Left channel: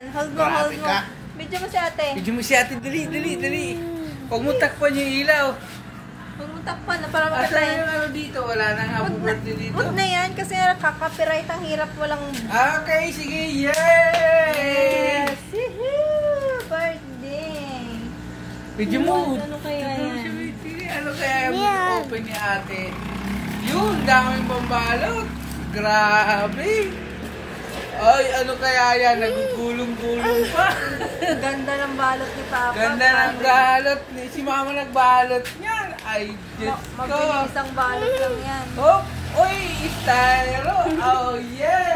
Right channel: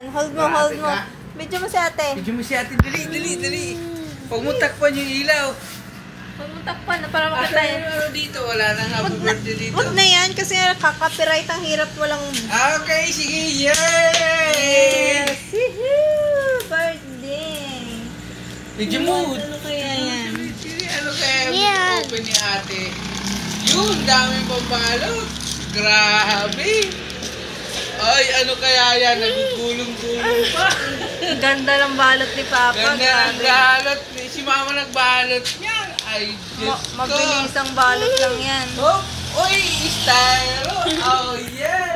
Hold mo, hold mo. Video mo si ate. Video mo si ate. Dali. Huwag mo takpan yung ilaw. Huwag mo takpan para makita yun. Asa yung dito? Wala nang happy birthday dito. Huwag na yan kasi nakaka-copyright ang hirap walang... Okay, sige. Yay! Yes! Woohoo! Birthday! Video mo. Ano kaya yan? Ano kaya open ni ate? Yun, daming pambalot. Grabe. Ay, ano kaya yan? Nagugulong-gulong pa. Ganda ng balot ni Papa. Ganda ng balot. Si Mama nagbalot niya. Ay, Diyos ko. Mabilis ang balot lang yan. Oh, uy, styro. Oh, yeah.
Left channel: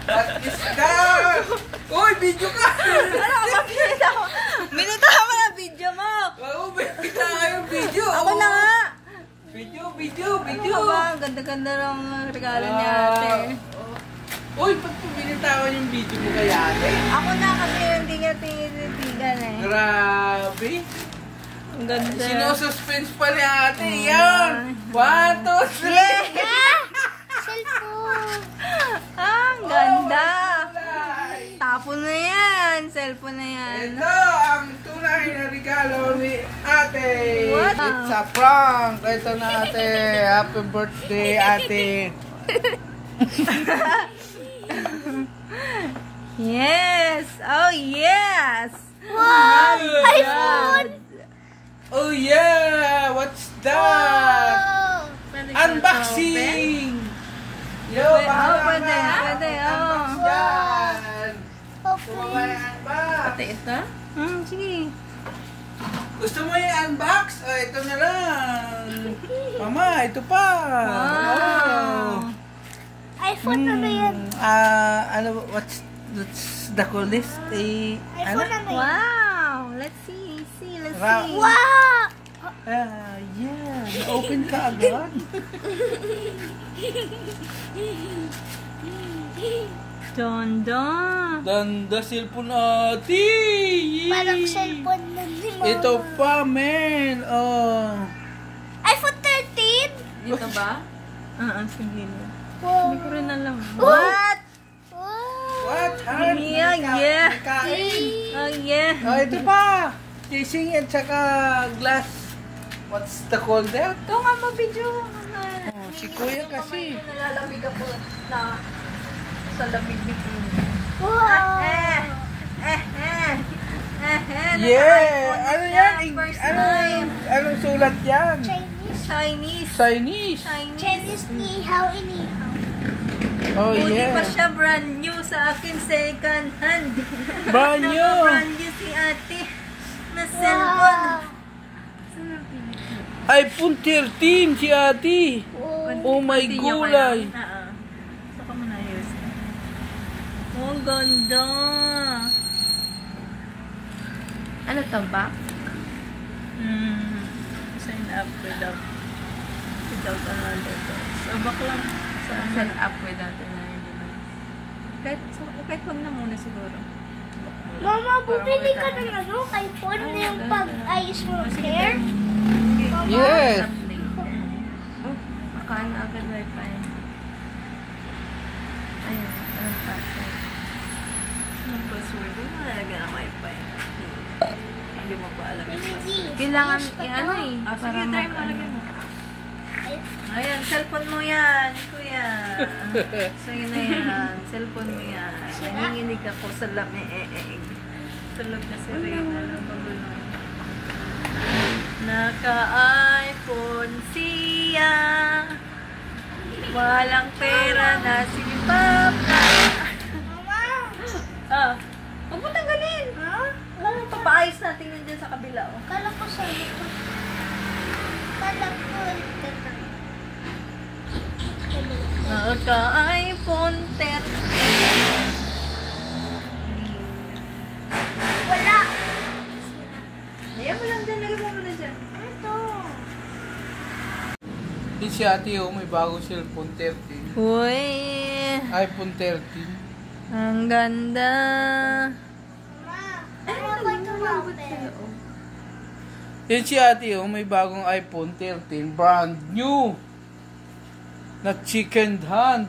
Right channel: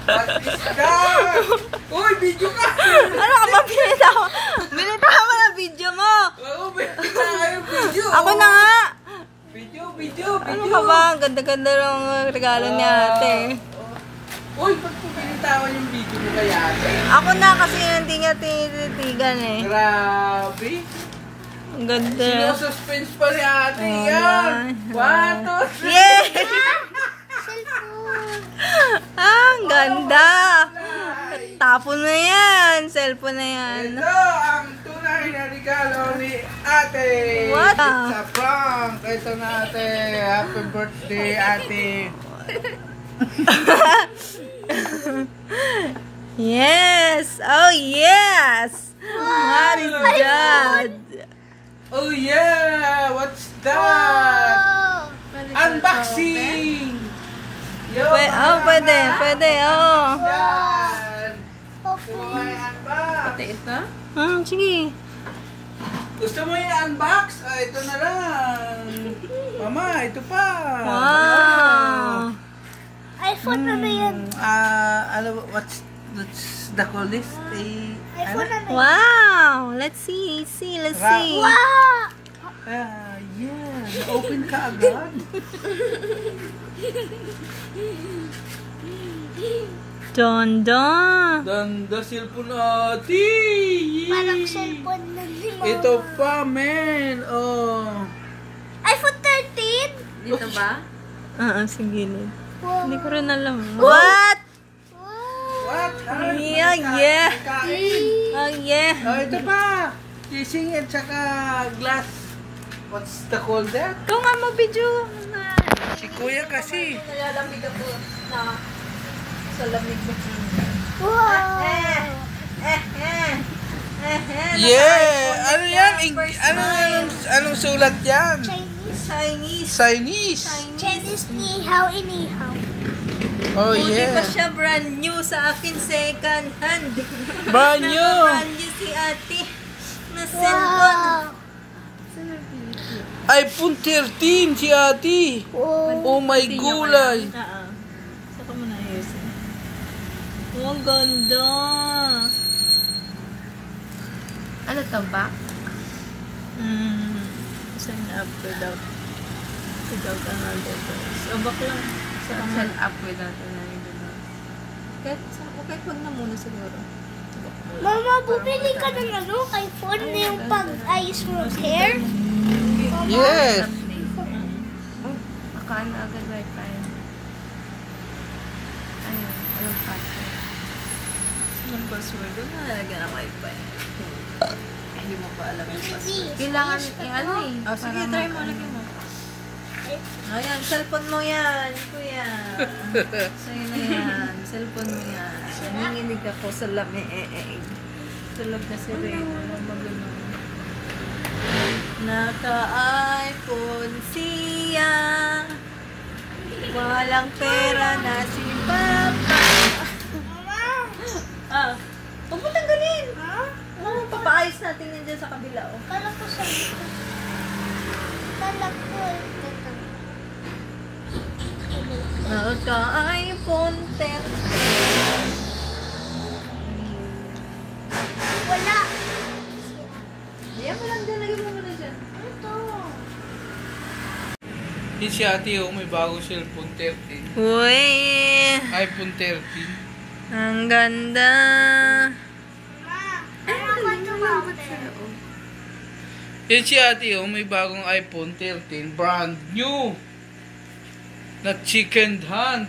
What is that? Uy, video ka. Ano ka ba? Binitaw mo na video mo. Oo, binita ka yung video. Ako na nga. Video. Ano ka ba? Ang ganda-ganda ng regalo ni ate. Uy, ba't mo binitawan yung video mo kay ate? Ako na kasi hindi nga tinitigan eh. Grabe. Ang ganda. Sinususpense pa ni ate. Yan. 1, 2, 3. Yeah! Ang ganda. Tapon na yan. Cellphone na yan. Ito ang tunay na regalo ni ate. What? It's a prank. Ito na ate. Happy birthday ate. Yes! Oh, yes! My God! Oh yeah! What's that? Unboxing! Yo, Pwede. Oh. Yan! Gusto mo ba i-unbox? Pati ito? Sige. Gusto mo i-unbox? O, ito na lang. Mama, ito pa. Wow! iPhone na yan. What's the coolest? iPhone na yan. Wow! Let's see. Let's see. Wow! Yeah. Open ka agad. Don. Ganda cellphone natin. Parang cellphone na ni Mama. Ito pa, men. Oh. iPhone 13? Dito ba? Sige. Wow. Hindi ko rin alam. What? What? Yeah. Oh, yeah. Oh, ito pa. Casing at saka glass. What's the call that? Ito nga video. Si Kuya kasi. Nalalamig ako na sa lamig. Wow! Yeah! Ano yan? Anong sulat yan? Chinese. Chinese. Chinese ni hao ini hao. Oh, Hindi pa yeah. siya brand new sa akin, second hand. Brand new. Brand new si ate na cellphone. iPhone 13 si ate. Oh my gulay. Sa kami na ayos. Oh, ganda. Ano to ba? Sign up without another course. O baka lang sa sign up without another course. Kahit wag na muna siguro. Mama, bumili ka ng iPhone na yung pag-ayos mo hair? Yes. Makain na agad wifi. Ayun, anong password? Anong password? Doon na nalagyan ng wifi. Hindi mo pa alam yung password. Kailangan ano eh. Sige, try mo lang. Ayan, cellphone mo yan, kuya. Sa'yo na yan. Cellphone mo yan. Nanginginig ako sa lamig. Sa lamig kasi rin. Naka-iPhone siya. Walang pera na si Papa. Mama! Huwag mo tanggalin. Alam mo, papaayos natin yun dyan sa kabila. Kala ko sa'yo. Kala ko. Naka-iPhone 13. Wala. Ayan mo lang dyan. Lagyan mo na dyan. Ito. Yung si ate may bagong cellphone 13. Uy! iPhone 13. Ang ganda! Ano ba ito Yung si ate may bagong iPhone 13. Brand new. Not second hand.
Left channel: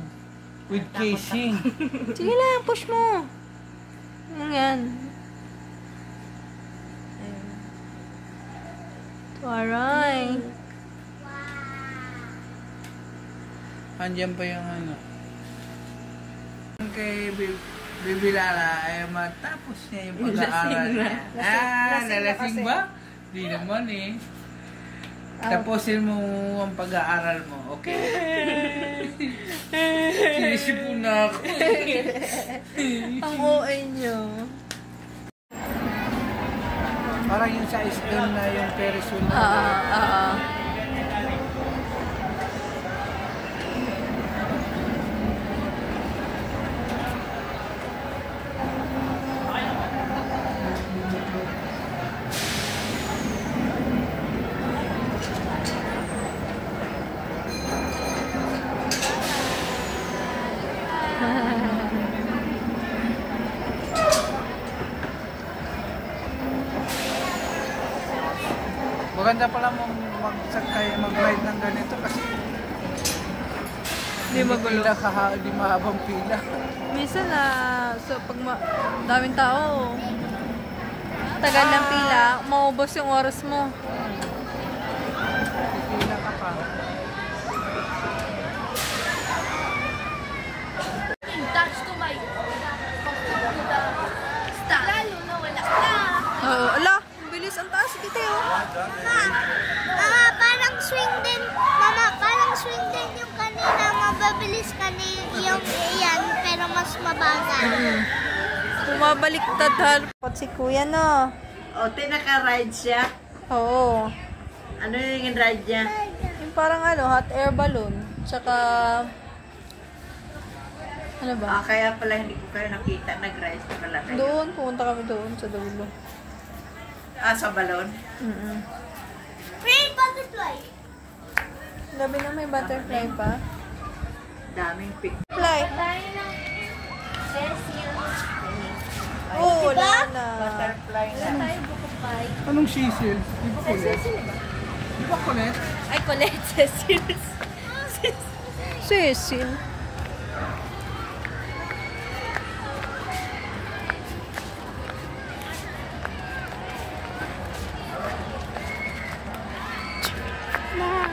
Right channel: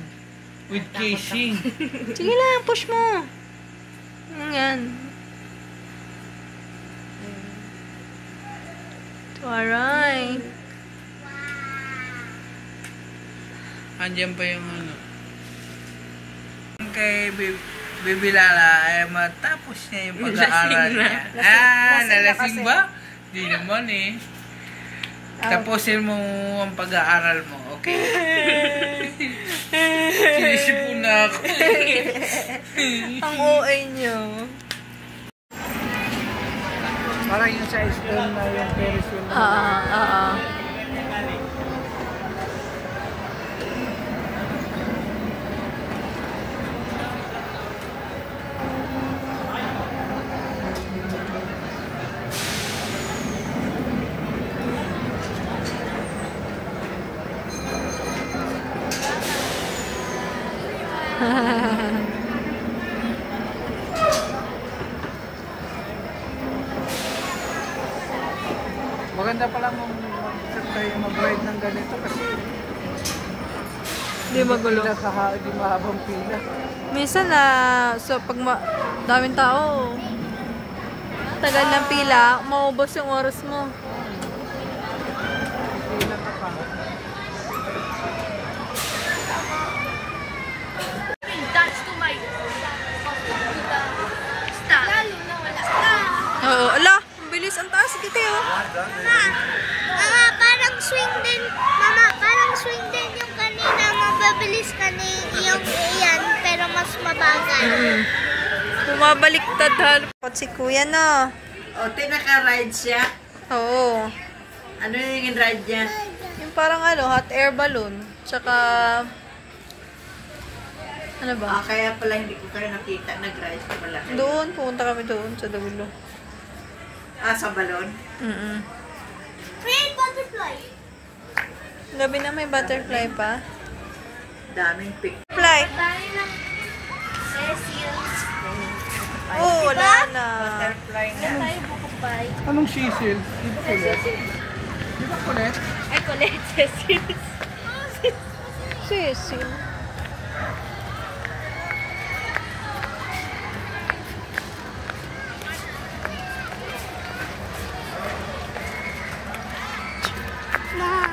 With casing. Sige lang, push mo. yan. Aray. Andiyan pa yung ano. Kay Baby Lala ay matapos niya yung pag-aaral niya. Nalasing ba? Di naman eh. Tapusin mo ang pag-aaral mo, okay? Sinisipon na ako. Ang OA nyo. Parang yung sa school na yung Paris yun. Maganda pala mong sakay mag-ride ng ganito kasi Hindi magulo. Hindi mahabang pila. Minsan na, so pag daming tao, tagal ng pila, maubos yung oras mo. Pila ka pa. That's to my stop. Lalo na wala na. Oo, ala, ang bilis, ang taas kita oh. Mama, parang swing din. Mama, parang swing din yung kanina. Nagabilis yung iyan, pero mas mabagal. Bumabaliktad harap. Si kuya no. O, tinaka-ride siya. Oo. Ano yung ride niya? Yung parang ano, hot air balloon. Tsaka, ano ba? Kaya pala hindi ko kayo nakita nag-ride pala kayo. Doon, pumunta kami doon sa dulo. Sa balon? Rain butterfly. Gabi na may butterfly pa. Daming pink. Fly. Bahay lang. Cecil. Oo, wala na. Butterfly na. Tayo bukupay. Anong sisil? Di ba kulit? Di ba kulit? Ay, kulit. Cecil. Cecil. Ma.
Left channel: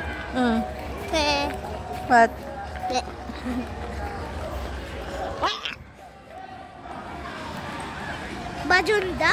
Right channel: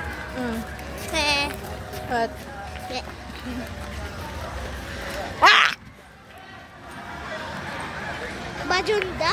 What? Bajunda?